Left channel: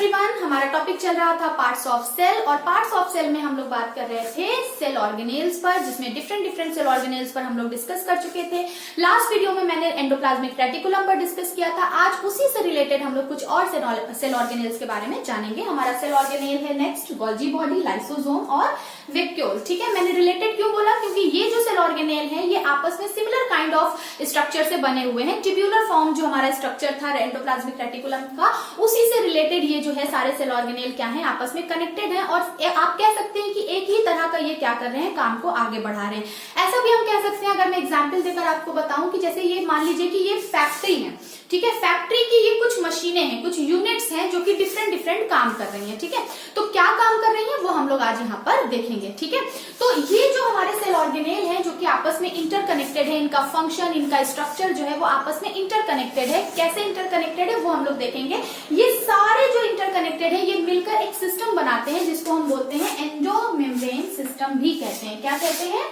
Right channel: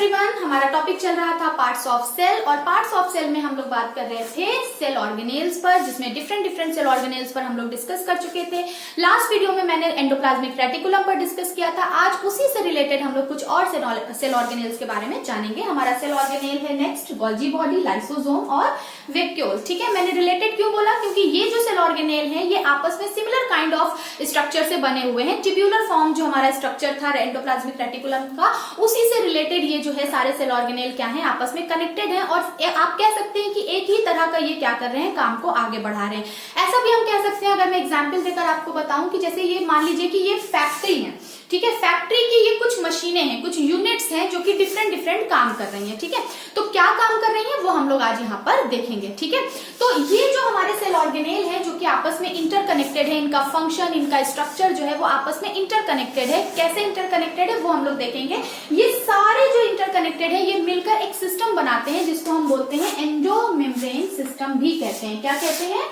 Everyone, हमारा topic चल रहा था पार्ट्स ऑफ सेल और पार्ट्स ऑफ सेल में हम लोग बात कर रहे थे सेल ऑर्गेनेल्स पर, जिसमें डिफरेंट सेल ऑर्गेनेल्स पर हम लोग डिस्कस कर चुके थे। लास्ट वीडियो में मैंने एंडोप्लाज्मिक रेटिकुलम पर डिस्कस किया था। आज उसी से रिलेटेड हम लोग कुछ और सेल ऑर्गेनेल्स के बारे में जानेंगे। हमारा सेल ऑर्गेनेल है नेक्स्ट गोल्जी बॉडी, लाइसोसोम और वैक्यूल। ठीक है, मैंने रिलेटेड क्यों बोला, क्योंकि ये जो सेल ऑर्गेनेल है ये आपस में सिमिलर काइंड ऑफ स्ट्रक्चर से बने हुए हैं। ट्यूब्यूलर फॉर्म जो हमारा स्ट्रक्चर था एंडोप्लाज्मिक रेटिकुलम का, उसी से रिलेटेड ये जो है सारे सेल ऑर्गेनेल क्या है, आपस में कनेक्टेड हैं। और आप कह सकते हैं कि एक ही तरह का ये क्या कर रहे हैं, काम को आगे बढ़ा रहे हैं। ऐसा भी हम कह सकते हैं, अगर मैं एग्जाम्पल देकर आपको बताऊं कि जैसे ये मान लीजिए कि ये फैक्ट्री है। ठीक है, फैक्ट्री की ये कुछ मशीनें हैं, कुछ यूनिट्स हैं जो कि डिफरेंट काम कर रही हैं। ठीक है, तो क्या काम कर रही हैं वो हम लोग आज यहाँ पर देखेंगे। ठीक है, तो ये जो हमारे सेल ऑर्गेनेल है जो कि आपस में इंटरकनेक्टेड है, इनका फंक्शन, इनका स्ट्रक्चर जो है वो आपस में इंटरकनेक्टेड है। कैसे इंटरकनेक्टेड है वो हम लोग देखेंगे। ये सारे जो इंटरकनेक्टेड है ये मिलकर एक सिस्टम बनाते हैं जिसको हम बोलते हैं एंडोमेम्ब्रेन सिस्टम भी कहते हैं। क्या कहते हैं?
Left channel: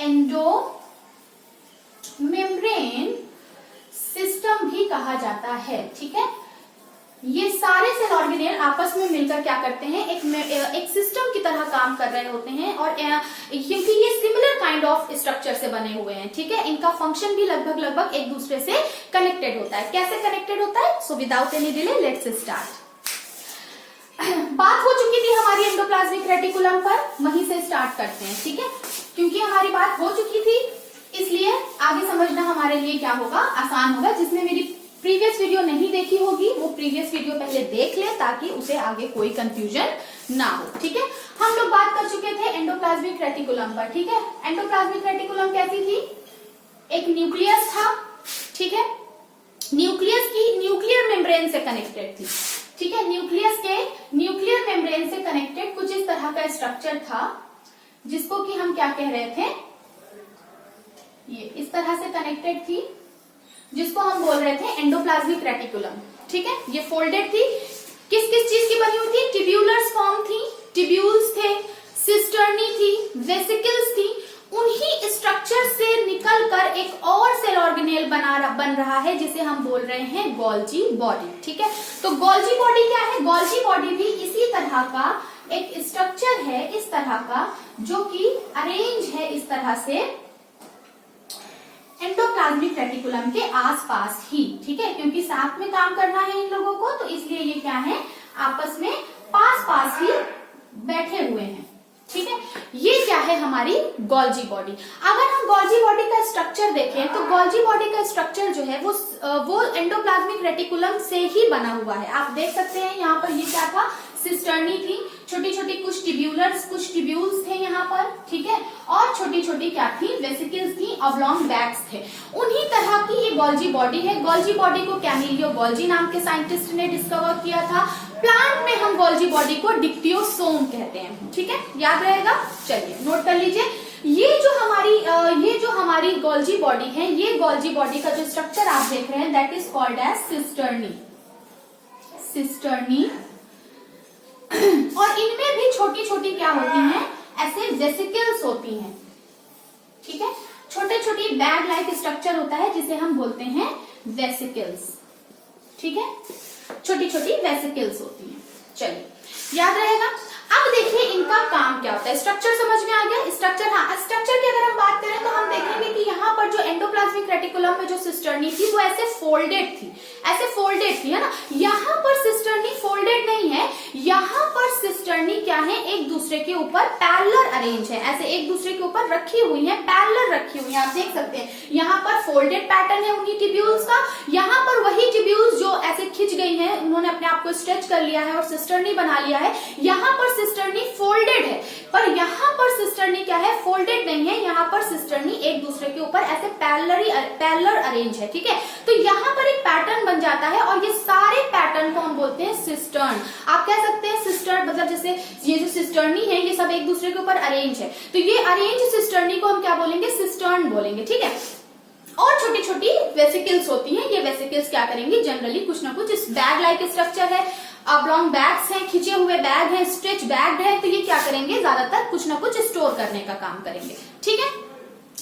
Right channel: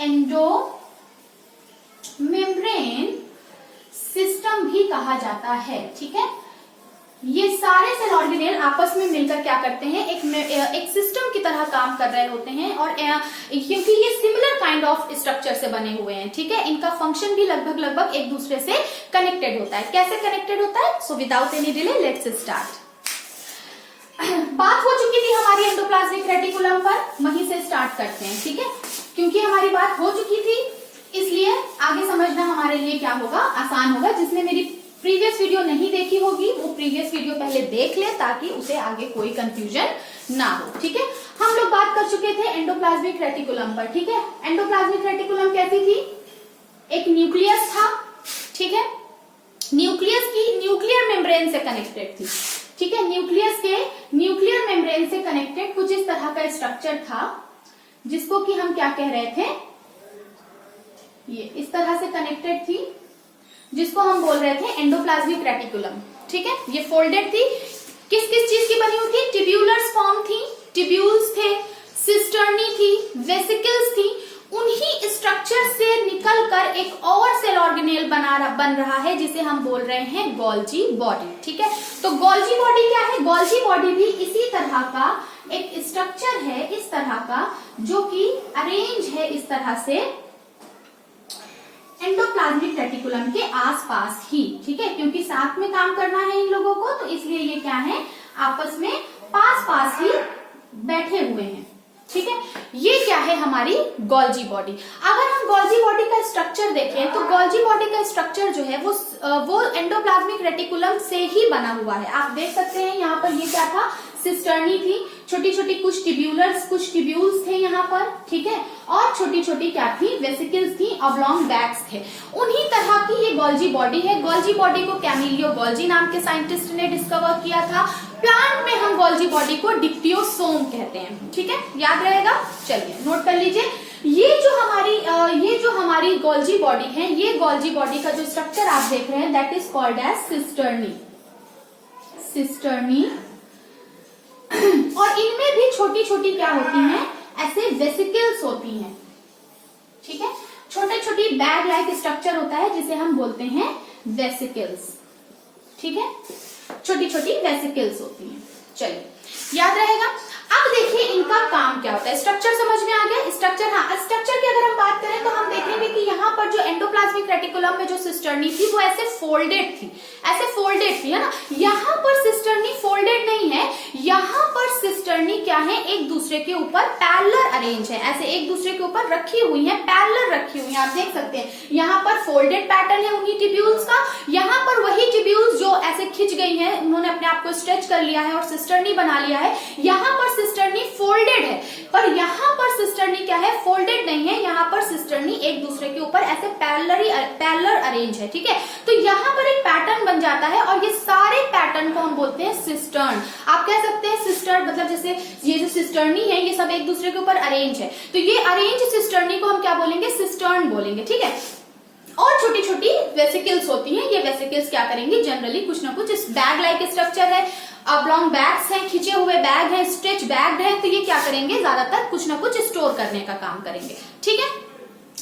एंडोमेम्ब्रेन सिस्टम भी कहा जाता है। ठीक है, ये सारे सेल ऑर्गेनेल आपस में मिलकर क्या करते हैं, एक सिस्टम की तरह काम कर रहे होते हैं। और क्योंकि ये सिमिलर काइंड ऑफ स्ट्रक्चर से बने हुए हैं, ठीक है, इनका फंक्शन भी लगभग एक दूसरे से कनेक्टेड होता है। कैसे कनेक्टेड होता है? So without any delay let's start. बात हो चुकी थी हमारी एंडोप्लाज्मिक रेटिकुलम पर, वहीं से स्टार्ट करते हैं। ठीक है, क्योंकि हमारी बात हो चुकी थी इसलिए आगे समझना हमारे लिए क्या होगा, आसान होगा। जिसने मेरी प्रीवियस वीडियो नहीं देखी होगी वो प्रीवियस वीडियो पहले देख ले ताकि उसे आगे कोई कंफ्यूजन ना हो। ठीक है, हम लोग बात कर चुके थे एंडोप्लाज्मिक रेटिकुलम पर। ठीक है, एंडोप्लाज्मिक रेटिकुलम कैसी थी? एक न्यूक्लियस था। ठीक है, न्यूक्लियस की न्यूक्लियर मेम्ब्रेन से कनेक्टेड थी। ठीक है, न्यूक्लियस के न्यूक्लियर मेम्ब्रेन से कनेक्टेड कुछ इस तरह का स्ट्रक्चर था जिसको कि हम क्या कह रहे थे, ये इस तरह से कनेक्टेड थी जिसको हम बोल रहे थे एंडोप्लाज्मिक रेटिकुलम। ठीक है, ये फोल्डेड थी, किस किस चीज की बनी हुई थी? ट्यूब्यूलर्स फॉर्म थी, ट्यूब्यूल्स थे, सिस्टर्नी थी, वेसिकल्स थी। उन्हीं स्ट्रक्चर से निकलकर एक और सेल ऑर्गेनेल बन रहा है जिसे हम बोल रहे हैं गोल्जी बॉडी। ठीक है, तो गोल्जी बॉडी क्या है? गोल्जी बॉडी भी इसी तरह का एक स्ट्रक्चर है, इस तरह का, जो कि अरेंज है इस तरह से एंडोप्लाज्मिक रेटिकुलम के आसपास ही। ठीक है, क्योंकि साथ में काम करना है इन लोगों को, तो इसलिए ये क्या है, आपस में पास ही बैठे हुए हैं। ठीक है, ये क्या है, हमारी गोल्जी बॉडी। अगर हम गोल्जी बॉडी का स्ट्रक्चर देखें तो गोल्जी बॉडी का स्ट्रक्चर जो है वो एंडोप्लाज्मिक रेटिकुलम से ही बना हुआ है। आप देख सकते हैं यहाँ पर ये क्या था, सिस्टर्नी थी, छोटी छोटी कुछ ट्यूब्यूल्स थे यहाँ पर। ठीक है, और छोटी छोटी क्या थी, वेसिकल्स थी, ऑब्लॉन्ग बैग्स थे। उन्हीं तरह की ये गोल्जी बॉडी है। गोल्जी बॉडी को कैमिलियो गोल्जी नाम के साइंटिस्ट ने डिस्कवर किया था। प्लांट में हम गोल्जी बॉडी को डिक्टियोसोम कहते हैं। ठीक है, याद रहेगा, चलिए नोट कर लीजिए। ये जो हमारी गोल्जी बॉडी है, ये गोल्जी बॉडी का जो स्ट्रक्चर आप देख रहे हैं that is called as cisternae. और इनमें भी छोटी छोटी क्या होती हैं, ऐसे वेसिकल्स होती हैं। ठीक है, छोटे छोटी बैग लाइक स्ट्रक्चर होता है जिसे हम बोलते हैं वेसिकल्स। ठीक है, छोटी छोटी वेसिकल्स होती हैं। चलिए याद रहेगा। अब देखिए इनका काम क्या होता है। स्ट्रक्चर समझ में आ गया? स्ट्रक्चर, हाँ, स्ट्रक्चर की अगर हम बात करें तो हम देखेंगे कि यहाँ पर जो एंडोप्लाज्मिक रेटिकुलम में जो सिस्टर्नी थी वो ऐसे फोल्डेड थी, है ना। यहाँ पर सिस्टर्नी फोल्डेड नहीं है, यहाँ पर सिस्टर्नी क्या है, एक दूसरे के ऊपर पैरेलल अरेंज है, ऐसे एक दूसरे के ऊपर रखी हुई है, पैरेलल रखी हुई है। आप देख सकते हैं यहाँ पर फोल्डेड पैटर्न है उन्हीं ट्यूब्यूल्स का, यहाँ पर वही ट्यूब्यूल्स जो ऐसे खिंच गई है, उन्होंने अपने आप को स्ट्रेच कर लिया है और सिस्टर्नी बना लिया है। यहाँ पर सिस्टर्नी फोल्डेड है, पर यहाँ पर सिस्टर्नी क्या है, फोल्डेड नहीं है। यहाँ पर सिस्टर्नी एक दूसरे के ऊपर ऐसे पैरेलल अरेंज है। ठीक है, तो यहाँ पर एक पैटर्न बन जाता है और ये सारे पैटर्न को हम बोलते हैं सिस्टर्न। आप कह सकते हैं सिस्टर, मतलब जैसे ये जो सिस्टर्नी है ये सब एक दूसरे के ऊपर अरेंज है, तो ये अरेंज सिस्टर्नी को हम क्या बोलेंगे, सिस्टर्न बोलेंगे। ठीक है, और छोटी छोटी वेसिकल्स होती हैं। ये वेसिकल्स क्या करेंगी, जनरली कुछ ना कुछ, इस बैग लाइक स्ट्रक्चर है, ऑब्लॉन्ग बैग्स हैं, खिंचे हुए बैग हैं, स्ट्रेच बैग है, तो ये क्या करेंगे, ज्यादातर कुछ ना कुछ स्टोर करने का काम करेंगे। ठीक है,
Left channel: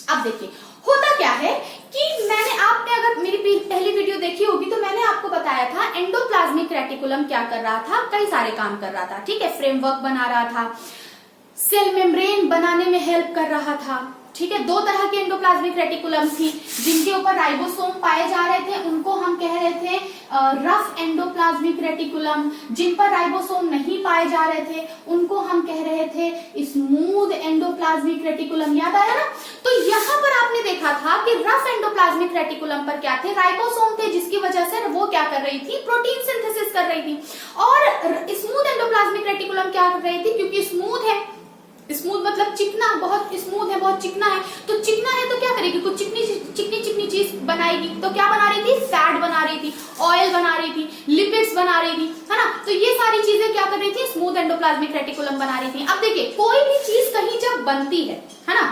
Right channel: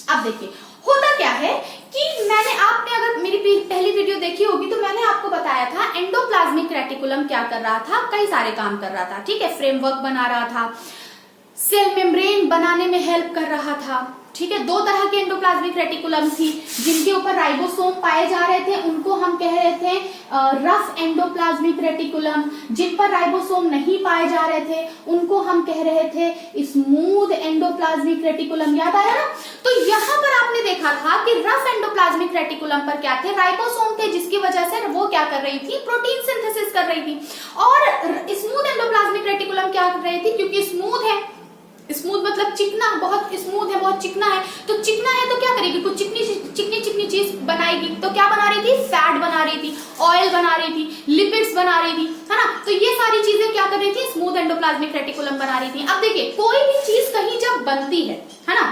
अब देखिए होता क्या है कि मैंने आपने अगर मेरी पहली वीडियो देखी होगी तो मैंने आपको बताया था एंडोप्लाज्मिक रेटिकुलम क्या कर रहा था, कई सारे काम कर रहा था, ठीक है। फ्रेमवर्क बना रहा था, सेल मेम्ब्रेन बनाने में हेल्प कर रहा था, ठीक है। दो तरह की एंडोप्लाज्मिक रेटिकुलम थी, जिनके ऊपर राइबोसोम पाए जा रहे थे उनको हम कह रहे थे रफ एंडोप्लाज्मिक रेटिकुलम, जिन पर राइबोसोम नहीं पाए जा रहे थे उनको हम कह रहे थे स्मूथ एंडोप्लाज्मिक रेटिकुलम। याद आया ना? तो यहाँ पर आपने देखा था कि रफ एंडोप्लाज्मिक रेटिकुलम पर क्या थे, राइबोसोम थे, जिसकी वजह से वो क्या कर रही थी, प्रोटीन सिंथेसिस कर रही थी। और स्मूथ एंडोप्लाज्मिक रेटिकुलम क्या कर रही थी, क्योंकि स्मूथ है, स्मूथ मतलब चिकना, बहुत स्मूथ है, बहुत चिकना है, तो चिकना है तो क्या करेगी, कुछ चिकनी चिकनी चीज बनाएगी। तो क्या बना रही थी, फैट बना रही थी, ऑयल बना रही थी, लिपिड्स बना रही थी, है ना। तो ये सारी चीजें क्या कर रही थी, स्मूथ एंडोप्लाज्मिक रेटिकुलम बना रही थी। अब देखिए कोई भी चीज कहीं जब बनती है ना,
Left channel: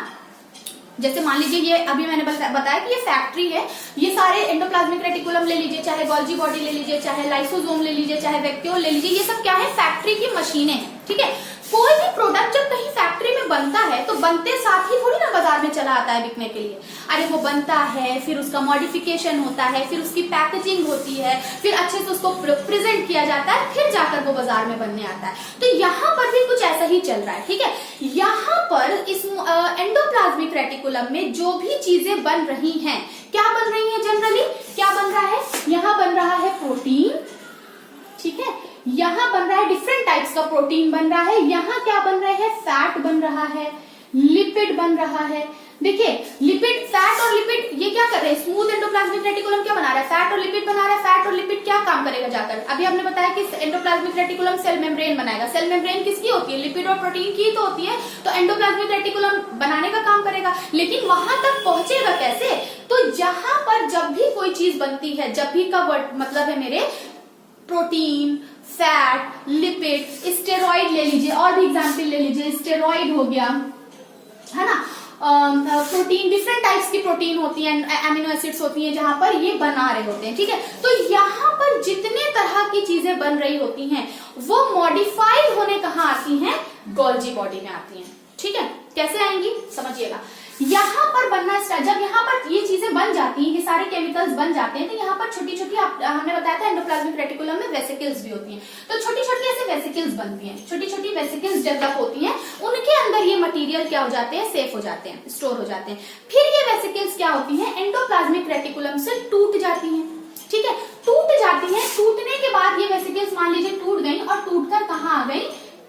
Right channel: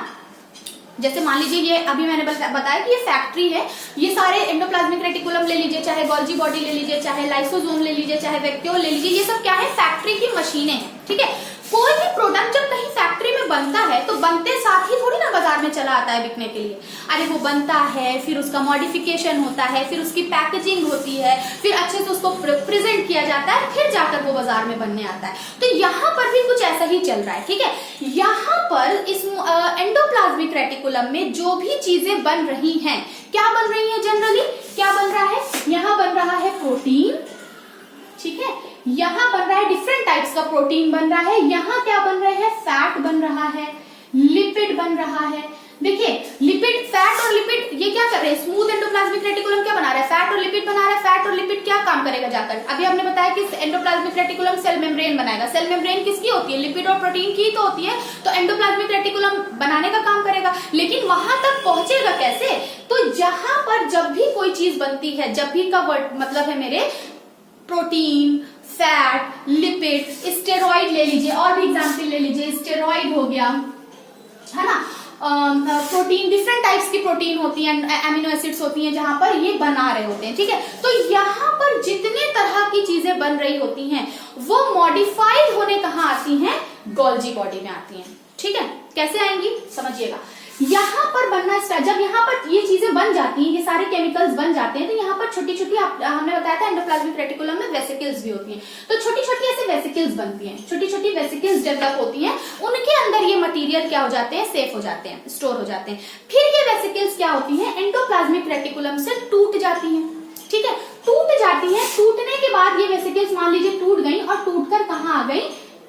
जैसे मान लीजिए ये अभी मैंने बताया कि ये फैक्ट्री है, ये सारे एंडोप्लाज्मिक रेटिकुलम ले लीजिए, चाहे गोल्जी बॉडी ले लीजिए, चाहे लाइसोसोम ले लीजिए, चाहे वैक्यूल ले लीजिए, ये सब क्या है, फैक्ट्री की मशीनें हैं, ठीक है। कोई भी प्रोडक्ट जब कहीं फैक्ट्री में बनता है तो बनते साथ ही थोड़ी ना बाजार में चला आता है बिकने के लिए। अरे वो बनता है, फिर उसका मॉडिफिकेशन होता है, फिर उसकी पैकेजिंग होती है, फिर अच्छे से उसको प्रेजेंट किया जाता है, फिर जाकर वो बाजार में बनने आता है। तो यहाँ पर भी कुछ ऐसा ही चल रहा है, ठीक है। यहाँ पर इस एंडोप्लाज्मिक रेटिकुलम में जो भी चीजें बन रही हैं, क्या बन रही है, जनरली क्या बन रहा है, यहाँ बन रहा है प्रोटीन, ठीक है, यहाँ बन रहा है डिफरेंट टाइप्स का प्रोटीन बन रहा है, यहाँ क्या बन रहे हैं, फैट बन रहा है, लिपिड बन रहा है। देखिए लिपिड, फैट और लिपिड ये क्या कर रहे हैं, स्मूथ एंडोप्लाज्मिक रेटिकुलम क्या बना रहा है, फैट और लिपिड बना रहा है। फैट और लिपिड क्या काम करेगा जाकर, अभी हमने बताया कि एंडोप्लाज्मिक रेटिकुलम सेल मेम्ब्रेन बनाएगा। सेल मेम्ब्रेन किसकी होती है, लिपिड और प्रोटीन की तो होती है, तो एंडोप्लाज्मिक रेटिकुलम बनाने का काम करेगा। लेकिन वहां तक पहुंचेगा कैसे, तो जहां पर जब भी कोई चीज बनती है, जब भी का वर्ड मतलब है मेरे, प्रोटीन, फैट, लिपिड, स्टेरॉइड ले लीजिए, और भी एग्जाम्पल ले लीजिए, स्टेरॉइड हो गया, है ना, प्रोटीन, डिफरेंट टाइप्स की प्रोटीन होती हैं, एमिनो एसिड्स होती हैं, जहां पर ये बना रहे होते हैं, ठीक है। तो यहाँ पर जितने तरह की चीजें बन रही होती हैं वो मॉडिफाइड होने कहाँ आती हैं, गोल्जी बॉडी में आती हैं, ठीक है। कैसे आएंगी समझिएगा, यहाँ पर बनना स्टार्ट, जब यहाँ पर ये चीजें बन जाती हैं, ये सारे केमिकल्स बन जाते हैं, तो यहाँ पर छोटी छोटी, हमने बताया था एंडोप्लाज्मिक रेटिकुलम में वेसिकल्स भी होती हैं, तो छोटी छोटी ऐसे वेसिकल्स बनती हैं, छोटी छोटी वेसिकल्स डेवलप होती हैं, उनके अंदर ये मटेरियल क्या हो जाते हैं, सेफ हो जाते हैं, स्टोर हो जाते हैं। फिर ये वेसिकल्स क्या होती हैं, एंडोप्लाज्मिक रेटिकुलम से टूट जाती हैं, ठीक है, टूट जाती हैं। टूटने के बाद ये वेसिकल्स मान लीजिए टूट गई, और टूटकर कहाँ आ गई,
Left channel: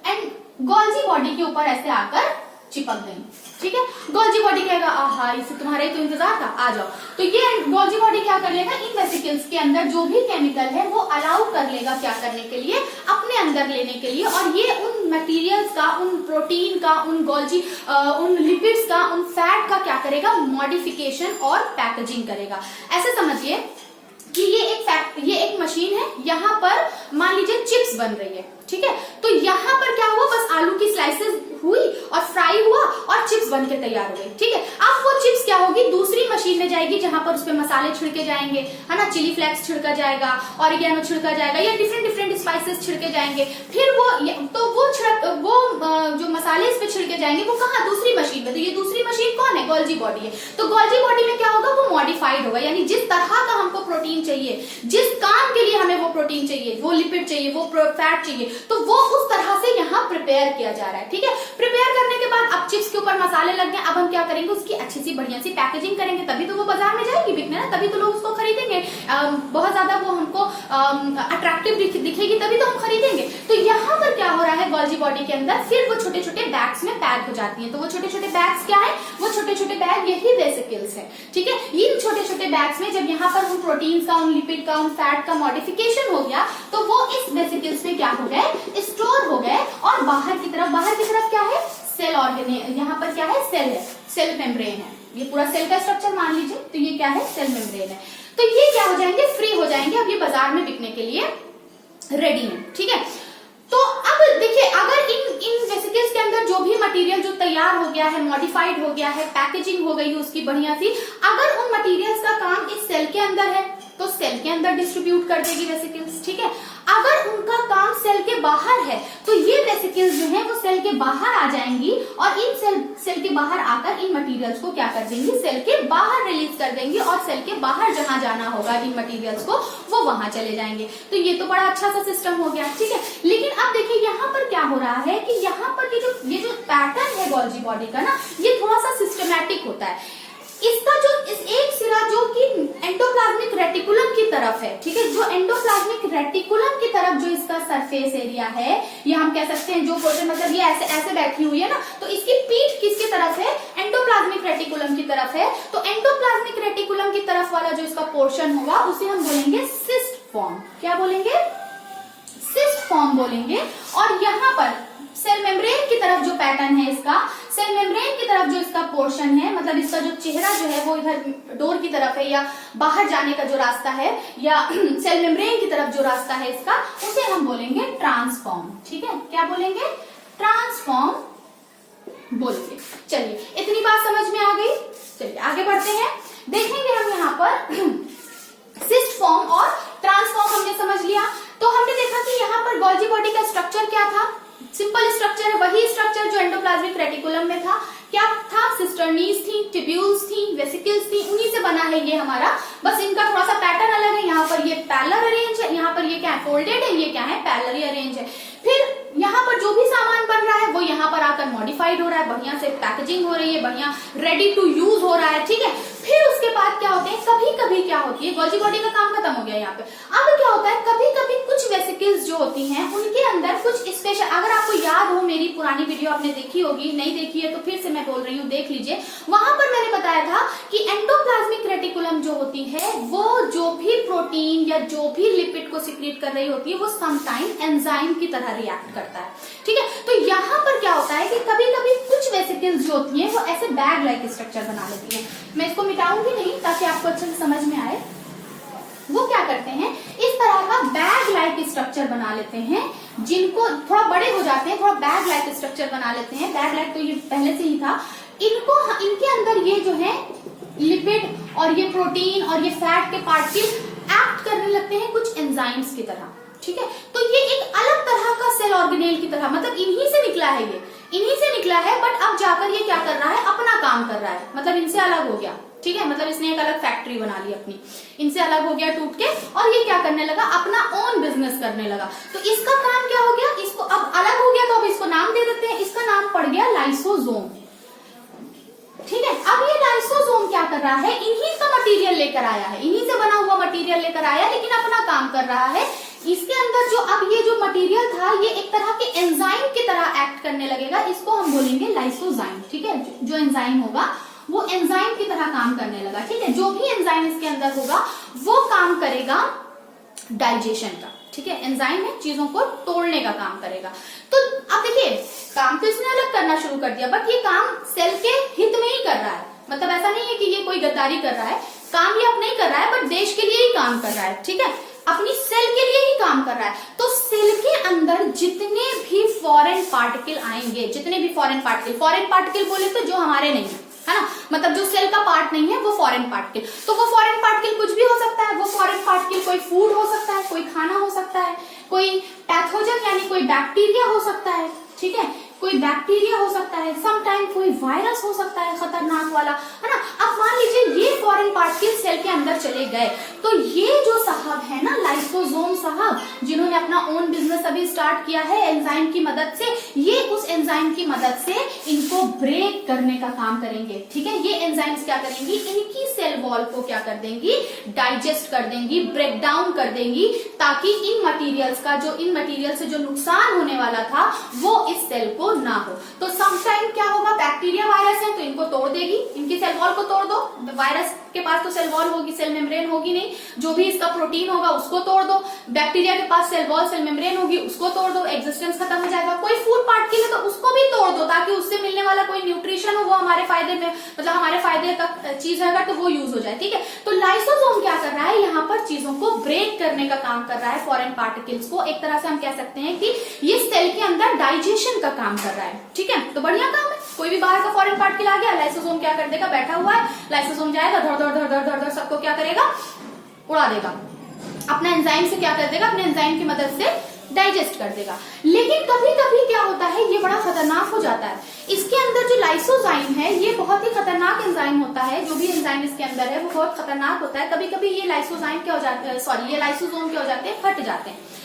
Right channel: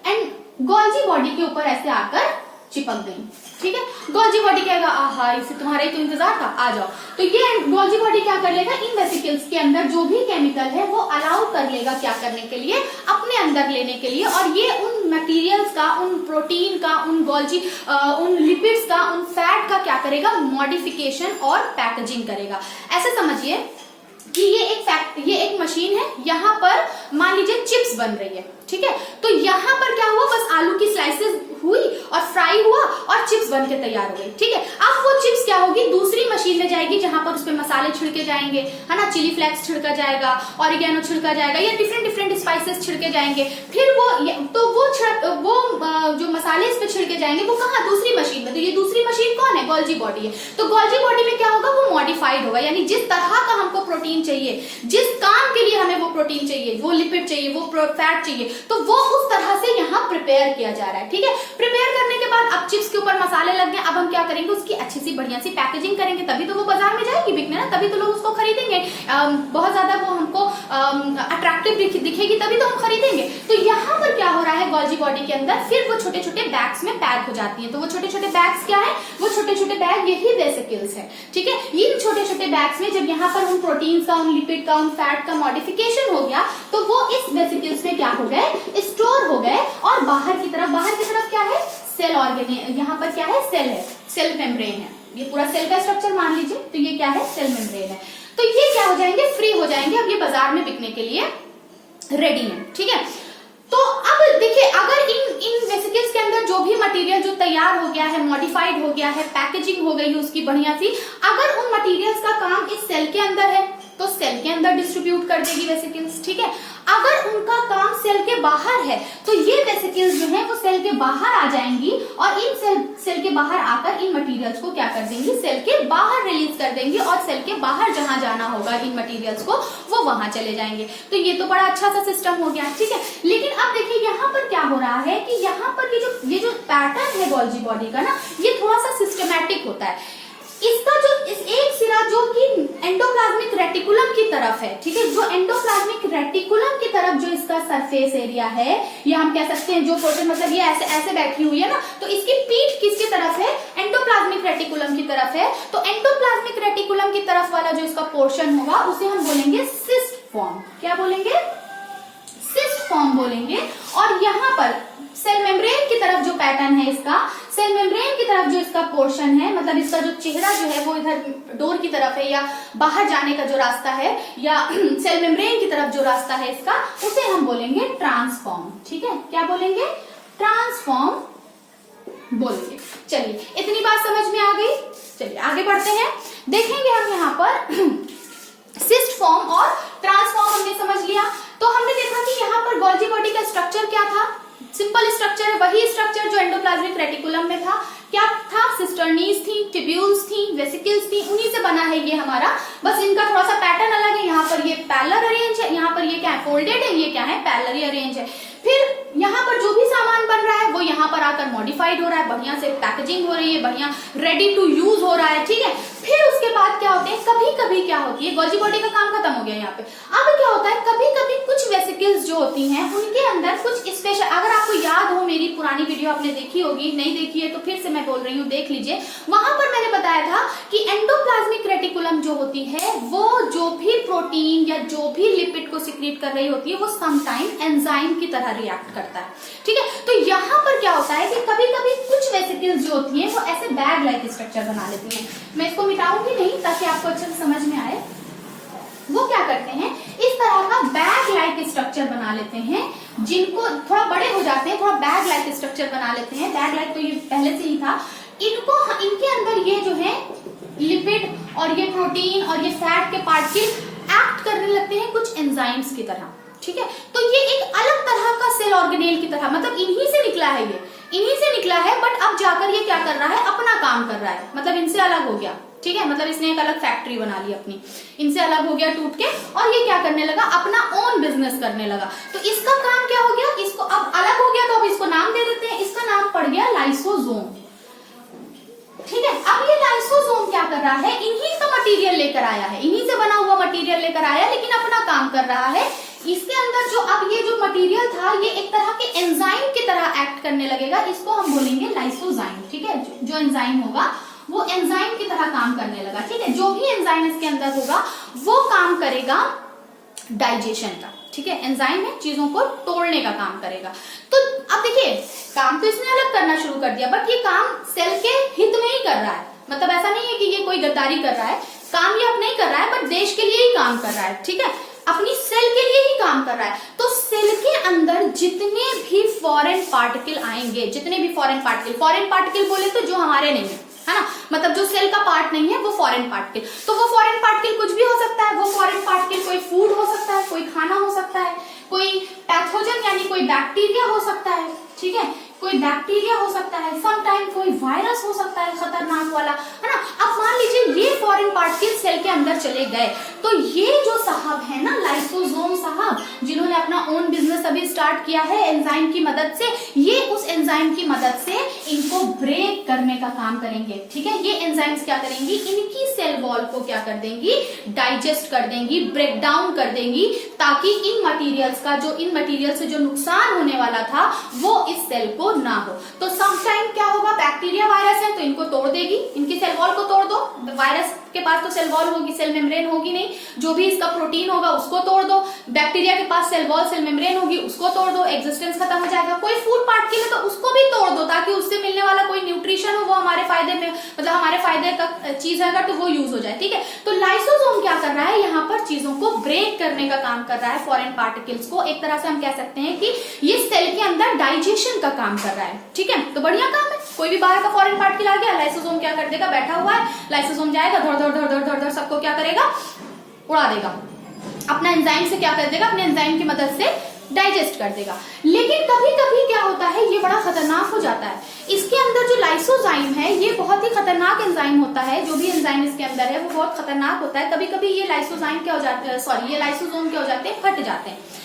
एंड गोल्जी बॉडी के ऊपर ऐसे आकर चिपक गई, ठीक है। गोल्जी बॉडी कहेगा आहा, इसे तुम्हारा ही तो इंतजार था, आ जाओ। तो ये गोल्जी बॉडी क्या कर लेगा, इन वेसिकल्स के अंदर जो भी केमिकल है वो अलाउ कर लेगा क्या करने के लिए, अपने अंदर लेने के लिए, और ये उन मटेरियल्स का, उन प्रोटीन का, उन गोल्जी, उन लिपिड्स का, उन फैट का क्या करेगा, मॉडिफिकेशन और पैकेजिंग करेगा। ऐसे समझिए कि ये एक मशीन है, यहाँ पर मान लीजिए चिप्स बन रही है, ठीक है। तो यहाँ पर क्या हुआ, बस आलू की स्लाइसेस हुई और फ्राई हुआ और चिप्स बन के तैयार हो गई, ठीक है। अब वो चिप्स क्या होगी, दूसरी मशीन में जाएगी, जहां पर उसपे मसाले छिड़के जाएंगे, है ना, चिली फ्लेक्स छिड़का जाएगा, ऑरिगेनो छिड़का जाएगा, या डिफरेंट डिफरेंट स्पाइसेस छिड़के जाएंगे। फिर वो जो मसाले इस पे छिड़के जाएंगे वो कहाँ, दूसरी मशीन में। तो ये दूसरी मशीन कौन है, गोल्जी बॉडी है। तो गोल्जी बॉडी में क्या होगा, वो मॉडिफाइड होगा, यानी जिस तरह का हमको प्रोटीन चाहिए, जिस काम के लिए हमें वो प्रोटीन चाहिए, वो लिपिड चाहिए, वो फैट चाहिए, तो वो उस तरह से यहाँ प्रिपेयर किया जा रहा है, ठीक है। प्रिपेयर करने के बाद अब चिप्स के ऊपर मसाले लग गए, अब हम क्या करेंगे, उसकी अच्छी सी बढ़िया सी पैकेजिंग करेंगे, तभी तो वो बाजार में जाएगी बिकने ना, तभी तो लोग उसको खरीदेंगे, बहुत ज्यादा वो हमको अट्रैक्टिव दिखेगी, तभी तो हम खरीदेंगे। तो यहाँ पर क्या हो रहा है, गोल्जी बॉडी के अंदर फिर वो छोटे छोटे बैग्स में पैक हो जाती है। तो वो छोटे छोटे बैग्स क्या है, वो छोटे छोटे बैग यही वेसिकल्स है, ठीक है। इन छोटे छोटे बैग्स में जब यहाँ पर उन प्रोटीन का, उन लिपिड का, उन फैट का मॉडिफिकेशन हो गया, तो वो इस वेसिकल्स में क्या हो गए, स्टोर हो गए, और बाहर की तरफ क्या है, सेल ऑर्गेन, यहाँ पर क्या है, सेल है, सेल मेम्ब्रेन है, ये पूरा सेल का स्ट्रक्चर मान लीजिए, तो ये क्या है, सेल मेम्ब्रेन है। तो ये क्या हो जाएंगे, फ्री हो जाएंगे, अब ये बाजार में बिकने के लिए रेडी है, ठीक है। तो अब देखिए, अगर इन वेसिकल्स के अंदर जो भी मटेरियल जो तैयार हो गया है, मॉडिफाइड हो गया है, पैकेजिंग हो गई उसकी बढ़िया सी, अगर उन मटेरियल्स का काम इस सेल के अंदर है तो सेल के अंदर डिस्ट्रीब्यूट कर देगी वेसिकल्स, ठीक है। अगर उनका काम सेल के बाहर है तो ये वेसिकल्स जो है वो सेल के बाहर आ जाएंगी और इन सेल के बाहर आकर इन मटेरियल्स को क्या कर देंगी, सेल के बाहर रिलीज कर देंगी और सेल के बाहर जहां जाना होगा इन मटेरियल्स को वो वहां चले जाएंगे। तो ये तो बड़ा अच्छा सा सिस्टम हो गया, ठीक है। लेकिन अब देखिए यहाँ पर क्या हो रहा है कि यहाँ पर ये जो पैटर्न है गोल्जी बॉडी का ना, ये थोड़ा सा सिस्टमैटिक होता है। इसका जो इस एक सिरा जो कि एंडोप्लाज्मिक रेटिकुलम की तरफ है, ठीक है, जो एंडोप्लाज्मिक रेटिकुलम की तरफ जो इसका सरफेस एरिया है, या हम कह सकते हैं जो पोर्शन, मतलब ये ऐसे ऐसे बैठी हुई है ना, तो इसकी पीठ किसकी तरफ है, एंडोप्लाज्मिक रेटिकुलम की तरफ है। तो एंडोप्लाज्मिक रेटिकुलम की तरफ वाला जो इसका पोर्शन होगा उसे हम बोलेंगे सिस्ट फॉर्म। क्या बोलेंगे, सिस्ट फॉर्म बोलेंगे। और यहाँ पर सेल मेम्ब्रेन की तरफ जो पैटर्न है इसका, सेल मेम्ब्रेन की तरफ जो इसका पोर्शन है, मतलब इसका जो चेहरा जो है वो इधर डोर की तरफ है या बाहर जाने का जो रास्ता है, या सेल मेम्ब्रेन की तरफ जो रास्ता है इसका, उसे हम बोलेंगे ट्रांसफॉर्म। ठीक है, क्या बोलेंगे, ट्रांसफॉर्म बोलेंगे। चलिए इतनी बात समझ में आ गई। चलिए आगे बढ़ते हैं। देखेंगे हम यहाँ पर सिस्ट फॉर्म और ट्रांसफॉर्म हमने समझ लिया। तो हमने देखा कि यहाँ पर गोल्जी बॉडी का स्ट्रक्चर क्या था, सिंपल स्ट्रक्चर है, वही स्ट्रक्चर जो एंडोप्लाज्मिक रेटिकुलम में था। क्या था, सिस्टर्नीज थी, टिब्यूल्स थी, वेसिकल्स थी, उन्हीं से बना है ये हमारा। बस इनका थोड़ा सा पैटर्न अलग है, यहाँ पर ये पैरेलल अरेंज है, यहाँ पर ये क्या है, फोल्डेड है, ये क्या है, पैरेलली अरेंज है। फिर यहाँ पर जो भी सामान बन रहा है वो यहाँ पर आकर मॉडिफाइड हो रहा है, बढ़िया से पैकेजिंग हो रही है, बढ़िया रेडी टू यूज हो रहा है, ठीक है। फिर उसके बाद क्या होते हैं, कभी कभी क्या होती है, गोल्जी बॉडी का काम खत्म हो गया यहाँ पे। अब क्या होता है, कभी कभी कुछ वेसिकल्स जो होती हैं उनके अंदर कुछ स्पेशल, अगर आपको याद हो, मेरी पुरानी वीडियो आपने देखी होगी, नहीं देखी है तो फिर से मैं बोल रही हूँ, देख लीजिए। वहां पर मैंने बताया था कि एंडोप्लाज्मिक रेटिकुलम जो होती है वो जो भी प्रोटीन या जो भी लिपिड को सिक्रीट कर रही होती है वो समटाइम एंजाइम की तरह रिएक्ट करता है, ठीक है। तो यहाँ पर क्या होता है कि कभी कभी कुछ वेसिकल्स जो होती हैं वो ऐसे बैग लाइक स्ट्रक्चर बना लेती हैं। मैं इसको मिटाऊंगी नहीं ताकि आपको अच्छे से समझ में आए। वो क्या करते हैं, इस तरह का बैग लाइक स्ट्रक्चर बना लेते हैं, जिनको थोड़ा बड़े हो जाते हैं, थोड़ा बैग लाइक स्ट्रक्चर बना लेते हैं। बैग लाइक तो ये पहले से ही था। इनके अंदर ये जो है लिपिड और ये प्रोटीन और ये फैट के पार्टिकल एक्ट करने लगते हैं कुछ एंजाइम्स की तरह, ठीक है। तो ये एक अलग तरह का सेल ऑर्गेनेल की तरह, मतलब इन्हीं से निकला है, ये इन्हीं से निकला है, बट अब जाकर ये क्या कर रहा है, अपना काम कर रहा है, मतलब इनसे अलग हो गया, ठीक है। मतलब इसने एक अलग फैक्ट्री बना ली अपनी, इनसे अलग हो गया टूट के, और ये क्या करने लगा, अपना ओन बिजनेस करने लगा। तो इसका काम क्या हो गया, इसको अब अलग हो गया तो अब इसको नाम दे देते हैं, इसका नाम पड़ गया लाइसोसोम, ठीक है। अब ये लाइसोसोम क्या कर रहा है, इन्हीं का मटेरियल लेकर आया है, इन्हीं से बना हुआ मटेरियल लेकर आया, लेकिन अपना काम कर रहा है। इसके अंदर जो अब ये जो मटेरियल था ये एक तरह के एंजाइम की तरह एक्ट करने लगेगा, इसको हम बोलेंगे लाइसोजाइम, ठीक है। जो एंजाइम होगा वो एंजाइम की तरह काम करने लगा, ठीक है। जो भी एंजाइम इसके अंदर होगा वो काम करेगा डाइजेशन का, ठीक है। एंजाइम है, चीजों को तोड़ने का काम करेगा। तो अब देखिए, काम तो इसने अलग करना शुरू कर दिया, बट ये काम सेल के हित में ही कर रहा है, मतलब ऐसा नहीं है कि ये कोई गद्दारी कर रहा है, काम ये अपने ही कर रहा है, बट देश के लिए ही काम कर रहा है, ठीक है, अपनी सेल के लिए ही काम कर रहा है। तो सेल के अंदर जितने भी फॉरेन पार्टिकल आएंगे, जितने भी फॉरेन पार्टिकल बोले तो जो हमारे नहीं है ना, मतलब जो सेल का पार्ट नहीं है वो फॉरेन पार्टिकल। तो वो फॉरेन पार्टिकल कुछ भी हो सकता है, वो फॉरेन पार्टिकल कोई फूड हो सकता है, कोई खाना हो सकता है, कोई पैथोजन यानी कोई बैक्टीरिया हो सकता है, ठीक है, कोई बैक्टीरिया हो सकता है, समटाइम कोई वायरस हो सकता है खतरनाक वाला, है ना। अब मान लीजिए ये फॉरेन पार्टिकल सेल के अंदर चले गए, तो ये जो साहब है ना लाइसोसोम साहब, जिन्होंने अपना ओन बिजनेस अभी स्टार्ट किया है एंजाइम की मदद से, ये उस एंजाइम की मदद से इनको ब्रेक करने का काम करेंगे, ठीक है। ये एंजाइम्स क्या करेंगी, इनकी सेल वॉल को क्या कर देंगी, डाइजेस्ट कर देंगी, ब्रेक डाउन कर देंगी, ताकि इन मटीरियल्स का जो इन मटीरियल से जो नुकसान होने वाला था वो इस सेल को ना हो। तो समटाइम क्या होगा, बैक्टीरिया वायरस है तो इनको तोड़ देगी, इनकी सेल वॉल को तोड़ दो, वायरस के पास तो सेल वॉल होगी, सेल मेम्ब्रेन होगी नहीं, जो भी इसका प्रोटीन होगा उसको तोड़ दो, बैक्टीरिया के पास सेल वॉल सेल मेम्ब्रेन होगी उसको तोड़ दो, एग्जिस्टेंस खत्म हो जाएगा। कोई फूड पार्टिकल है तो उसको भी तोड़ दो, ताकि उससे मिलने वाला कोई न्यूट्रिशन हो वो हमारे फायदे में, मतलब हमारे फायदे का चीज होगा तो वो यूज हो जाए, ठीक है। तो लाइसोसोम क्या कर रहा है, यहाँ पर चीजों को ब्रेक करने का काम कर रहा है, फॉरेन पार्टिकल्स को। एक तरह से हम कह सकते हैं कि ये सेल के अंदर डाइजेशन का काम कर रहा है, ठीक है। तो बढ़िया काम है, कोई भी बाहर का फॉरेन पार्टिकल आ गया, लाइसोसोम क्या कर देगा, बैठा हुआ है, लाइसोसोम जाएगा धड़ धड़ धड़ धड़ धड़ धड़ सबको क्या करेगा, उड़ा देगा, अपना एंजाइम से क्या कर देगा, अपने एंजाइम की मदद से डाइजेस्ट कर देगा। लेकिन कभी कभी क्या होता है, ये बड़ा खतरनाक हो जाता है। इसके अंदर जो लाइसोजाइम है ये बहुत ही खतरनाक एंजाइम होता है, जो भी एंजाइम इसके अंदर है वो बहुत खतरनाक होता है। कभी कभी ये लाइसोजाइम क्या हो जाते हैं, सॉरी ये लाइसोसोम क्या हो जाते हैं, फट जाते हैं।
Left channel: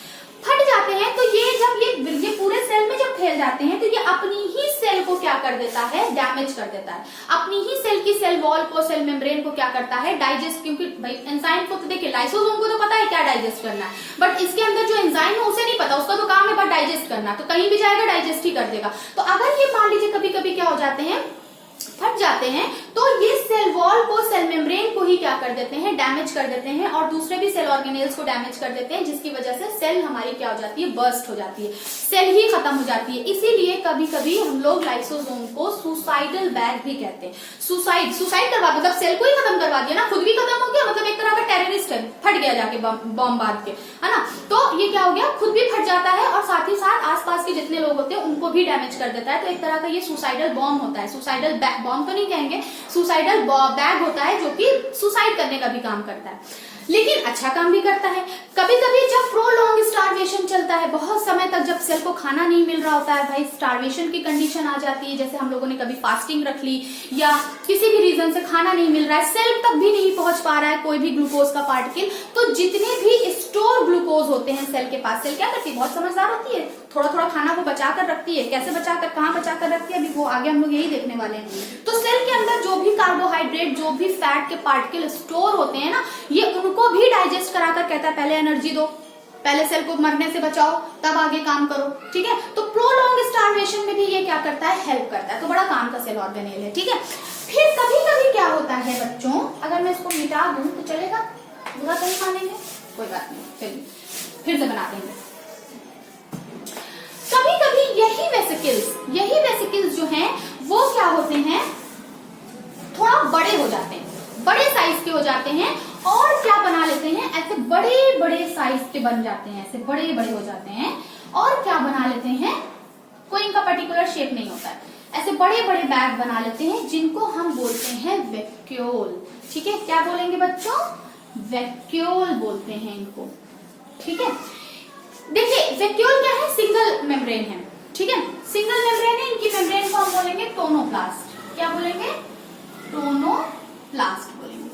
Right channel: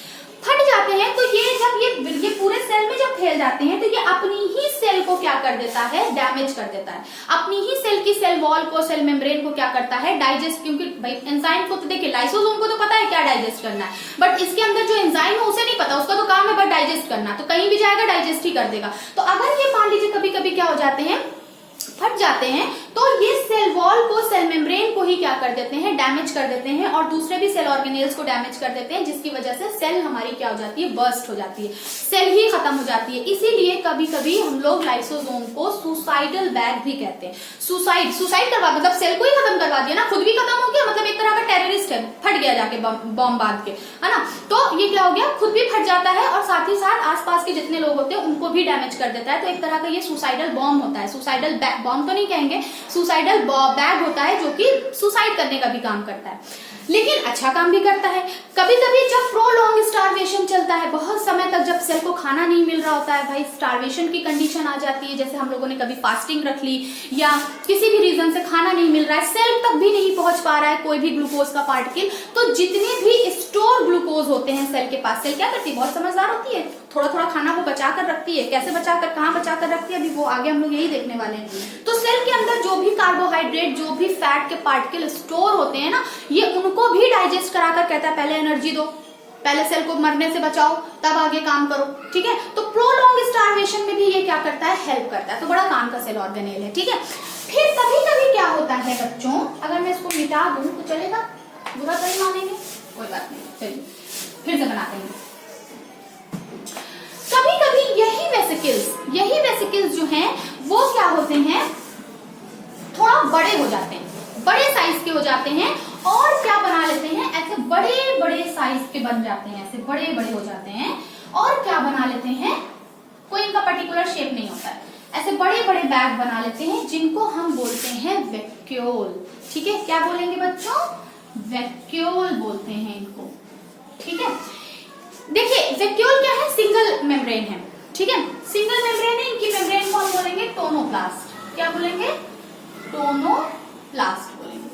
तो ये जब ये पूरे सेल में जब फैल जाते हैं तो ये अपनी ही सेल को क्या कर देता है, डैमेज कर देता है। अपनी ही सेल की सेल वॉल को, सेल मेम्ब्रेन को क्या करता है, डाइजेस्ट, क्योंकि भाई एंजाइम को तो देखिए लाइसोसोम को तो पता है क्या डाइजेस्ट करना है, बट इसके अंदर जो एंजाइम है उसे नहीं पता, उसका तो काम है बस डाइजेस्ट करना, तो कहीं भी जाएगा डाइजेस्ट ही कर देगा। तो अगर ये मान लीजिए कभी कभी क्या हो जाते हैं, फट जाते हैं, तो ये सेल वॉल को, सेल मेम्ब्रेन को ही क्या कर देते हैं, डैमेज कर देते हैं और दूसरे भी सेल ऑर्गेनेल्स को डैमेज कर देते हैं, जिसकी वजह से सेल हमारी क्या हो जाती है, बर्स्ट हो जाती है, सेल ही खत्म हो जाती है। इसीलिए कभी कभी हम लोग लाइसोसोम को सुसाइडल बैग भी कहते हैं। सुसाइड करवा, मतलब सेल को ही खत्म करवा दिया ना, खुद भी खत्म हो गया, मतलब एक तरह का टेररिस्ट है, फट गया जाके बॉम्ब बांध के, है ना। तो ये क्या हो गया, खुद भी फट जाता है और साथ ही साथ आसपास के जितने लोग होते हैं उनको भी डैमेज कर देता है। तो एक तरह का ये सुसाइडल बॉम्ब होता है, सुसाइडल बॉम्ब तो नहीं कहेंगे, सुसाइडल बैग होता है जो कि सुसाइड करने का भी काम करता है, लेकिन अच्छा काम भी करता है। कभी कभी जब प्रोलॉन्ग स्टार्वेशन चलता है, बहुत समय तक जब सेल को खाना नहीं मिल रहा होता है, भाई स्टार्वेशन की कंडीशन आ जाती है, जैसे हम लोगों ने कभी फास्टिंग रख ली या किसी भी रीजन से खाना नहीं मिल रहा है, सेल तक भी नहीं पहुंच पा रहा है कोई भी ग्लूकोज का पार्टिकल, तो जितने भी स्टोर ग्लूकोज होते हैं सेल के पास, सेल क्या करती है, बहुत समझदार होती है, थोड़ा थोड़ा खाना वो बचा कर रखती है। कैसे बचाकर, कहाँ बचाकर रखती है, अभी वो आगे हम लोग यही देखने वाले हैं। तो सेल के अंदर जो भी कार्बोहाइड्रेट, जो भी फैट के पार्टिकल स्टोर होते हैं ना, ये उनको भी डाइजेस्ट कराकर कहता है पहले एनर्जी दो, पहले सेल को मरने से बचाओ, तब आगे काम करो, ठीक है। तो प्रोलॉन्ग स्टार्वेशन में भी ये क्या करता है, हेल्प करता है। तो बड़ा काम का सेल ऑर्गेनेल है, ठीक है। फिर कभी कभी क्या होता है बच्चों, अगर मैं इसको मिटा दूं तो चलेगा, बुरा तो नहीं मानेंगे, कोई बात नहीं, चलिए फिर से बना देंगे। कभी कभी यही वेसिकल्स जो हैं वो क्या होते हैं, थोड़ा बड़े हो जाते हैं, बड़े साइज के हो जाते हैं और क्या बना लेते हैं, ऐसे बड़े बड़े साइज के बन जाते हैं, ऐसे बड़े बड़े हो जाते हैं और क्या बना लेते हैं, कोई इनका पर्टिकुलर शेप नहीं होता है, ऐसे बड़े बड़े बैग बना लेते हैं जिनको हम बोलते हैं वैक्यूल, ठीक है। क्या बोलेंगे बच्चों, वैक्यूल बोलते हैं इनको, ठीक है। देखिए वैक्यूल क्या है, सिंगल मेम्ब्रेन है, ठीक है, सिंगल मेम्ब्रेन है, इनकी मेम्ब्रेन को हम बोलेंगे टोनोप्लास्ट। क्या बोलेंगे, टोनोप्लास्ट बोलेंगे।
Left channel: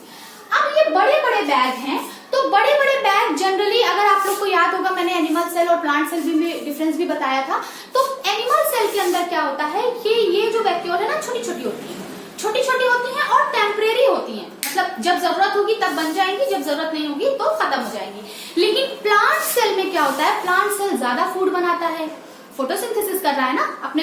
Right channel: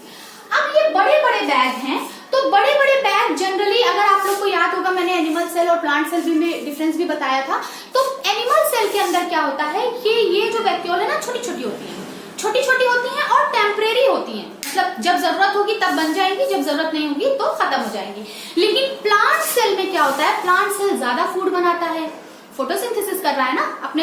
अब ये बड़े बड़े बैग हैं, तो बड़े बड़े बैग जनरली, अगर आप लोग को याद होगा मैंने एनिमल सेल और प्लांट सेल में डिफरेंस भी बताया था, तो एनिमल सेल के अंदर क्या होता है, ये जो वैक्यूल है ना, छोटी छोटी होती है, छोटी छोटी होती हैं और टेम्परेरी होती हैं, मतलब जब जरूरत होगी तब बन जाएंगी, जब जरूरत नहीं होगी तो खत्म हो जाएंगी। लेकिन प्लांट सेल में क्या होता है, प्लांट सेल ज्यादा फूड बनाता है, फोटोसिंथेसिस कर रहा है ना, आपने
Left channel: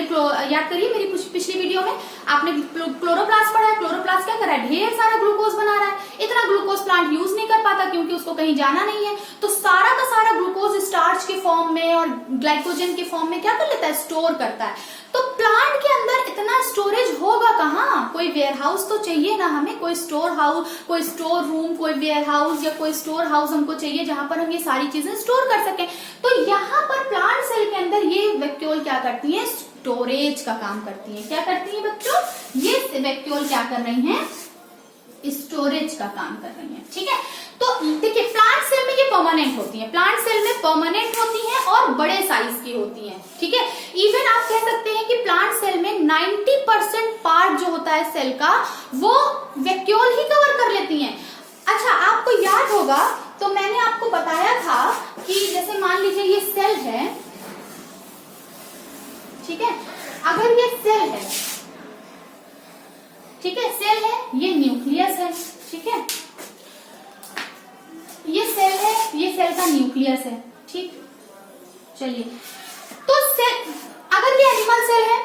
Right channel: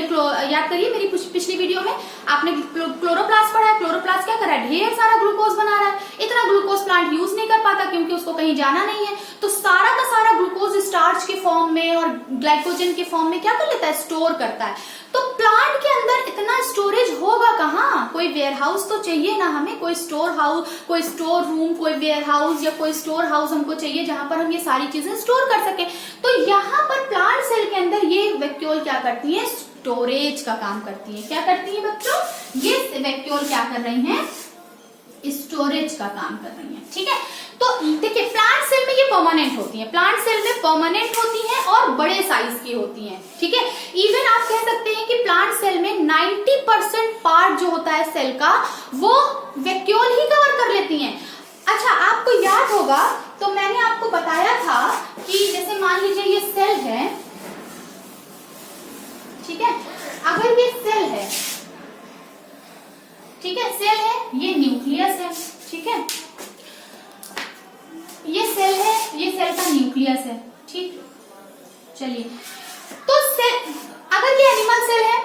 याद करिए मेरी पिछली वीडियो में आपने क्लोरोप्लास्ट पढ़ा है, क्लोरोप्लास्ट क्या कर रहा है, ढेर सारा ग्लूकोज बना रहा है। इतना ग्लूकोज प्लांट यूज नहीं कर पाता क्योंकि उसको कहीं जाना नहीं है, तो सारा का सारा ग्लूकोज स्टार्च के फॉर्म में और ग्लाइकोजन के फॉर्म में क्या कर लेता है, स्टोर करता है। तो प्लांट के अंदर इतना स्टोरेज होगा कहाँ, कोई वेयर हाउस तो चाहिए ना हमें, कोई स्टोर हाउस, कोई स्टोर रूम, कोई वेयर हाउस या कोई स्टोर हाउस हमको चाहिए जहां पर हम ये सारी चीजें स्टोर कर सकें। तो यहाँ पर प्लांट सेल के अंदर ये वैक्यूल क्या करती है, स्टोरेज का काम करती है। क्या करती है बच्चों, ये वैक्यूल क्या कर रही हैं, स्टोरेज का काम कर रही है, ठीक है। तो देखिए प्लांट सेल में ये परमानेंट होती है, प्लांट सेल में परमानेंट होती है और बड़े साइज की होती है, ठीक है। इवन आप कह सकते हैं कि प्लांट सेल में 90% पार्ट जो होता है सेल का वो वैक्यूल ही कवर कर लेती हैं। अच्छा आपको याद होगा तो मैंने आपको बताया था कि जैसे मान लीजिए ये सेल है, ठीक है, अगर ये सेल है, ठीक है, सेल है, ये न्यूक्लियस है, ठीक है, ये सेल है, ये सेल का न्यूक्लियस है, ठीक। चलिए तो सेल, अगर ये एनिमल सेल है,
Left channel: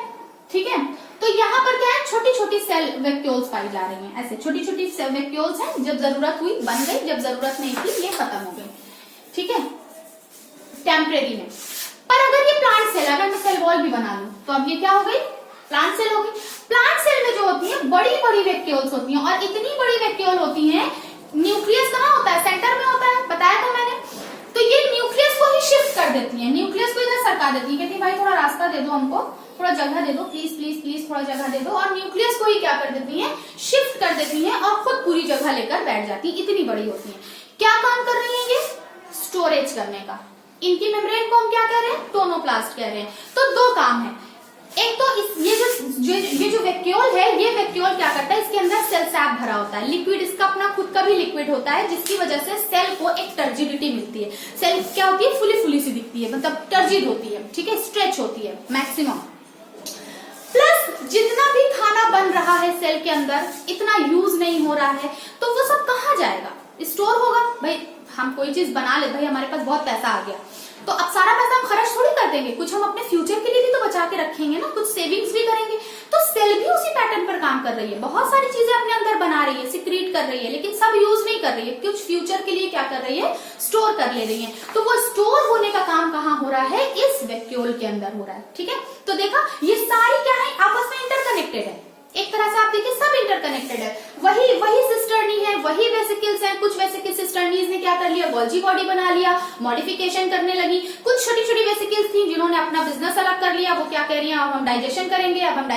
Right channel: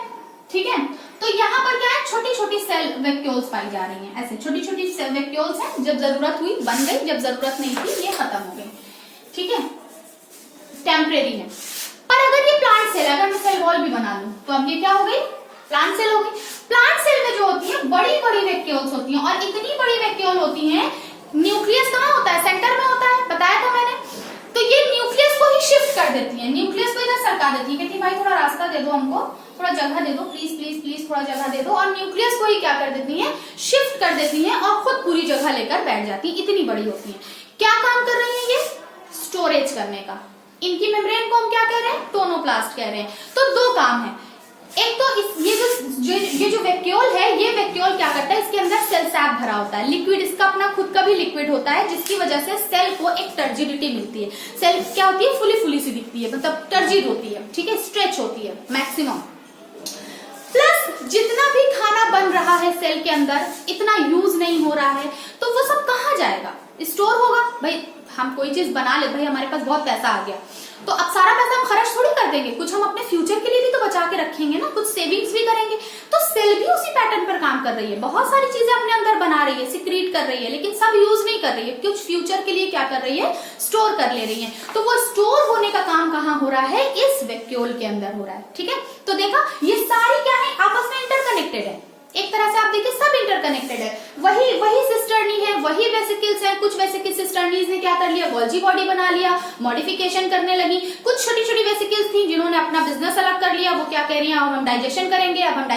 ठीक है, तो यहाँ पर क्या है, छोटी छोटी सेल वैक्यूल्स पाई जा रही हैं, ऐसे छोटी छोटी सेल वैक्यूल्स हैं, जब जरूरत हुई बन गई, जब जरूरत नहीं थी ये खत्म हो गई, ठीक है, टेम्परेरी में। पर अगर ये प्लांट सेल, अगर मैं सेल वॉल भी बना लूं तो अब ये क्या हो गई, प्लांट सेल हो गई। प्लांट सेल में जो होती है बड़ी बड़ी वैक्यूल्स होती हैं और इतनी बड़ी वैक्यूल होती हैं, न्यूक्लियस कहाँ होता है, सेंटर में होता है, बताया था मैंने। तो ये न्यूक्लियस को ही शिफ्ट कर देती है, न्यूक्लियस को इधर सरका देती है, कहती है भाई थोड़ा रास्ता दे दो हमको, थोड़ा जगह दे दो, प्लीज प्लीज प्लीज थोड़ा जगह दे दो, और न्यूक्लियस को ही क्या कर देती है, शिफ्ट कर देती है और खुद पूरी जगह लेकर बैठ जाती है, इतनी बड़ी होती है। क्या काम कर रही है ये, स्टोरेज करने का, इनकी मेम्ब्रेन को हम क्या कह रहे हैं, टोनोप्लास्ट कह रहे हैं। तो दो काम है, एक तो ये जो वैक्यूल है, ये वैक्यूल क्या करता है, इसके अंदर सेल सैप भरा होता है, लिक्विड इसका अपना खुद का भी लिक्विड होता है, जिसकी वजह से सेल को एक टर्जिडिटी मिलती है। सेल क्या होती है, फुली फुली सी दिखती है, मतलब टर्जिड होती है, ठीक है, स्ट्रेच होती है मैक्सिमम। प्लस जितना भी खाना बन रहा है सेल के अंदर, इतना यूज नहीं हो रहा है, तो वो सब कहाँ जाएगा, स्टोर होगा। भाई हम कोई चीज बना ले, भाई हमारे पास बहुत पैसा आ गया, तो अब सारा पैसा हम खर्च थोड़ी कर देंगे, कुछ हम अपने फ्यूचर के लिए भी तो बचा के रखेंगे ना, कुछ सेविंग्स भी करेंगे। तो सेल भी उसी पैटर्न पर काम कर रही है, बहुत सारी चीजें अपने अंदर बना रही है, सिक्रीट कर रही है, लेकिन सब यूज नहीं कर रही है, कुछ फ्यूचर के लिए क्या कर रही है, स्टोर कर ले रही है। तो वो स्टोर होने का काम कहाँ हो रहा है, इस वैक्यूल के अंदर हो रहा है, ठीक है। तो देखा, ये सारी क्या है, आपस में इंटरकनेक्टेड है, एक तरह से आप देखिए सब इंटरकनेक्टेड है। वही सिस्टर्नी है, वही वेसिकल्स है, कुछ वेसिकल सिस्टर्नीज ने क्या कर लिया, गोल्जी बॉडी बना लिया, मॉडिफिकेशन करने लगी। कुछ छोटी छोटी वेसिकल्स थी जिन्होंने अपना बिजनेस अलग कर लिया, वो क्या कह रही हैं, अब हम डाइजेशन करेंगे, अब हम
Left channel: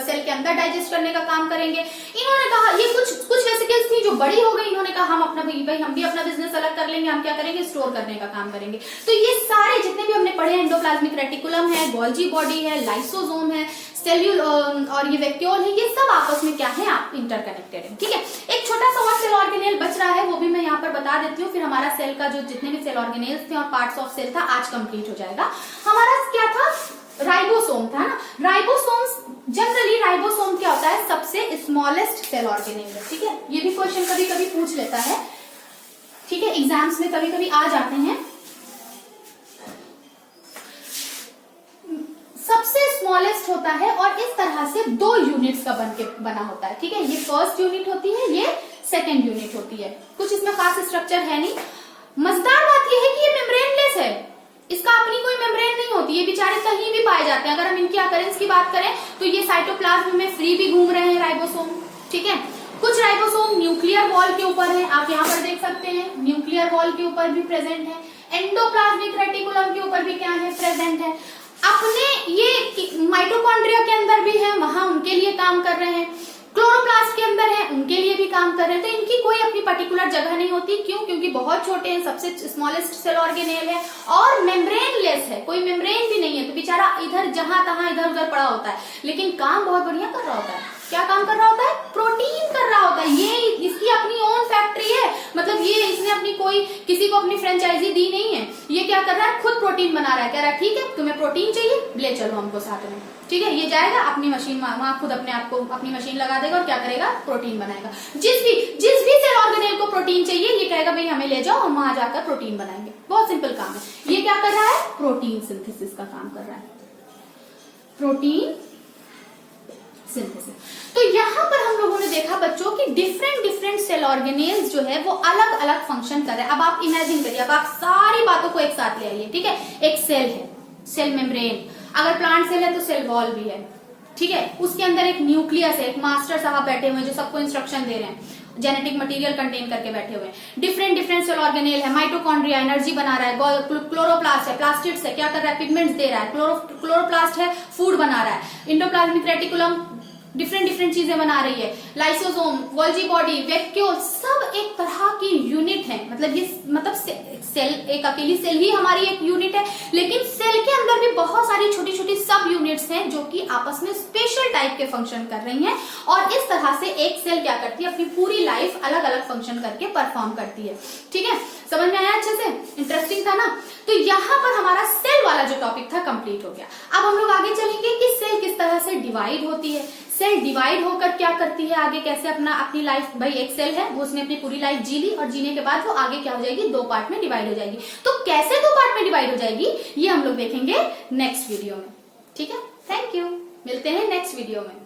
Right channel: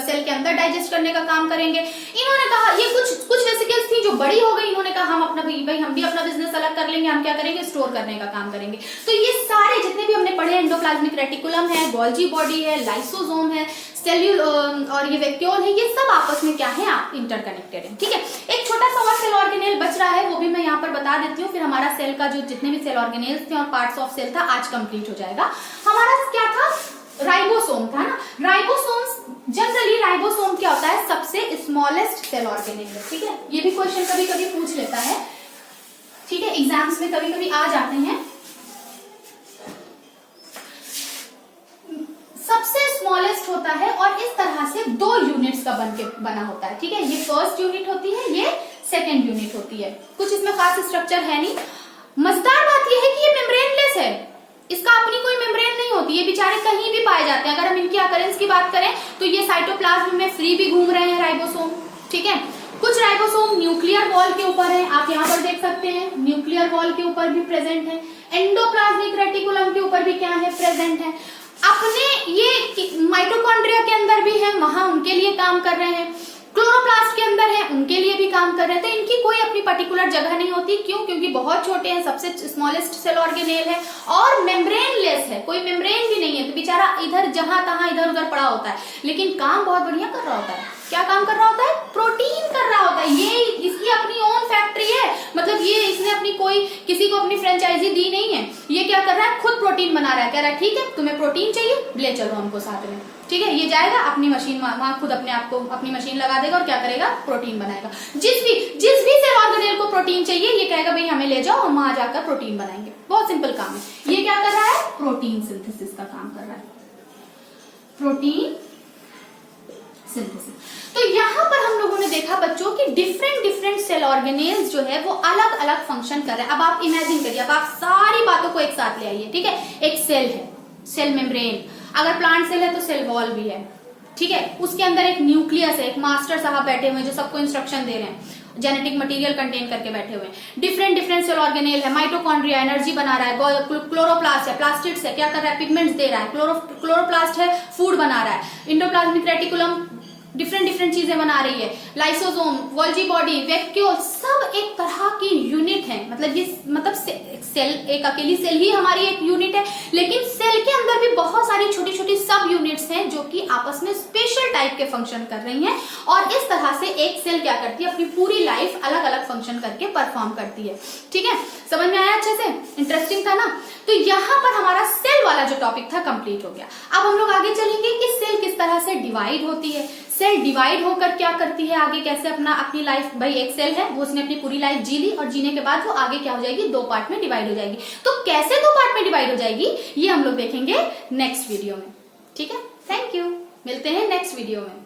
सेल के अंदर डाइजेस्ट करने का काम करेंगे। इन्होंने कहा, ये कुछ वेसिकल्स थी जो बड़ी हो गई, इन्होंने कहा हम अपना भाई हम भी अपना बिजनेस अलग कर लेंगे, हम क्या करेंगे, स्टोर करने का काम करेंगे। तो ये सारे जितने भी हमने पढ़े, एंडोप्लाज्मिक रेटिकुलम है, गोल्जी बॉडी है, लाइसोसोम है, सेल्यूल और ये वैक्यूल है, ये सब आपस में क्या है, आप इंटरकनेक्टेड है, ठीक है। एक छोटा सा और सेल ऑर्गेनेल बच रहा है, वो भी मैं यहाँ पर बता देती हूँ, फिर हमारा सेल का जो जितने भी सेल ऑर्गेनेल्स थे और पार्ट्स ऑफ सेल था आज कंप्लीट हो जाएगा। हमारा क्या था, राइबोसोम था ना। राइबोसोम्स जनरली, राइबोसोम क्या होता है, सबसे स्मॉलेस्ट सेल ऑर्गेनेल है, ठीक है। ये भी क्वेश्चन कभी कभी पूछ लेता है, ठीक है, एग्जाम्स में कभी कभी आ जाते हैं। सबसे स्मॉलेस्ट होता है और इस तरह से 2 यूनिट्स का बना होता है, ठीक है। ये फर्स्ट यूनिट होती है, ये सेकंड यूनिट होती है, कुछ इसमें खास स्ट्रक्चर है नहीं। मजेदार बात यह है कि ये मेम्ब्रेनलेस है, इसका अपनी कोई मेम्ब्रेन नहीं होती, ये बेचारे कहीं भी पाए जाते हैं। अगर हम इनकी अकरेंस की बात करें तो ये साइटोप्लाज्म में फ्री भी घूम रहे हैं राइबोसोम, ठीक है। कुछ राइबोसोम न्यूक्लियर वॉल के ऊपर है, आप यहाँ पर देख सकते हैं, न्यूक्लियर वॉल के ऊपर भी प्रेजेंट है। एंडोप्लाज्मिक रेटिकुलम के ऊपर भी क्या है, प्रेजेंट है। अपने ये माइटोकॉन्ड्रिया के अंदर भी है, वहां उनके लिए काम कर रहे हैं। क्लोरोप्लास्ट के अंदर है, उनके लिए भी काम कर रहे थे। इनकी कोई अपनी पर्टिकुलर जगह नहीं होती, क्यों, क्योंकि बहुत छोटे हैं, सबसे स्मॉलेस्ट सेल ऑर्गेनेल है और मेम्ब्रेनलेस है, कोई मेम्ब्रेन भी नहीं है, तो बेचारा इधर जहां तहां इधर उधर पड़ा होता है, लेकिन काम बहुत बढ़िया कर रहा होता है। क्या काम कर रहा होता है, प्रोटीन कर रहा होता है। ये इसकी अपनी ओन फैक्ट्री है, मतलब ये इसने अपनी कोई किसी को अपनी फ्रेंचाइजी दी नहीं है, ये क्या कर रहा है, खुद प्रोटीन बना रहा है। कह रहा है ठीक है, तुम्हें प्रोटीन चाहिए, ले चलो हमको साथ में, ठीक है। ये जाएगा अपनी मशीन, वहां खुद अपने आप को अपनी मशीन लगा देगा और क्या करेगा, प्रोटीन बनाएगा। जिस भी सेल ऑर्गेनेल को प्रोटीन चाहिए, ये कहेगा भाई हमें ले जाओ, हम वहां जाकर प्रोटीन बनाएंगे। बहुत सिंपल काम है। ये क्या कर रहा है, प्रोटीन सिंथेसिस का काम कर रहा है, प्रोटीन सिंथेसिस। तो यहाँ पर हम लोगों ने देखा बच्चों की डिफरेंट सेल ऑर्गेनेल्स जो है वो अलग अलग फंक्शन कर रहे हैं। अब आप इमेजिन करिए, अब आप सारी बातों को एक साथ ले आइए, ठीक है। एक सेल है, सेल मेम्ब्रेन, अगर प्लांट सेल है तो सेल वॉल भी है, ठीक है। उसके अंदर एक न्यूक्लियस है, एक मास्टर साहब बैठे हुए हैं जो सबको इंस्ट्रक्शन दे रहे हैं, जेनेटिक मटेरियल कंटेन करके बैठे हुए हैं। डिफरेंट सेल ऑर्गेनेल है, माइटोकॉन्ड्रिया एनर्जी बना रहा है, क्लोरोप्लास्ट है, प्लास्टिड्स है, क्या कर रहा है, पिगमेंट्स दे रहा है, क्लोरोप्लास्ट है, फूड बना रहा है, इंडोप्लाज्मिक रेटिकुलम डिफरेंट चीजें बना रही है, लाइसोसोम, गोल्जी बॉडी, वैक्यूल, सब एक तरह की यूनिट है। मतलब सेल, एक अकेली सेल ही हमारी एक यूनिट है, लेकिन सेल के अंदर भी बहुत सारी छोटी छोटी सब यूनिट्स हैं जो कि आपस में स्पेशल टाइप के फंक्शन कर रही हैं। और इस तरह से एक सेल क्या करती है, अपनी पूरी लाइफ अलग अलग फंक्शन करके परफॉर्म करती है, ठीक है। समझ में आया अच्छे से, इंटरेस्टिंग था ना। तो यहाँ पर हमारा सेल वाला जो टॉपिक था कंप्लीट हो गया। अब हम लोग आगे चलेंगे कि सेल किस तरह से डिवाइड होती है, सेल डिवाइड होकर क्या करती है, आगे कैसे अपनी लाइफ, भाई एक सेल है वो उसने अपनी पूरी लाइफ जी ली और जीने के बाद वो आगे क्या हो जाएगी, 2 पार्ट में डिवाइड हो जाएगी। तो कैसे 2 पार्ट में डिवाइड हो जाएगी ये हम लोग देखेंगे नेक्स्ट वीडियो में, ठीक है। थैंक यू, मिलते हैं नेक्स्ट वीडियो में।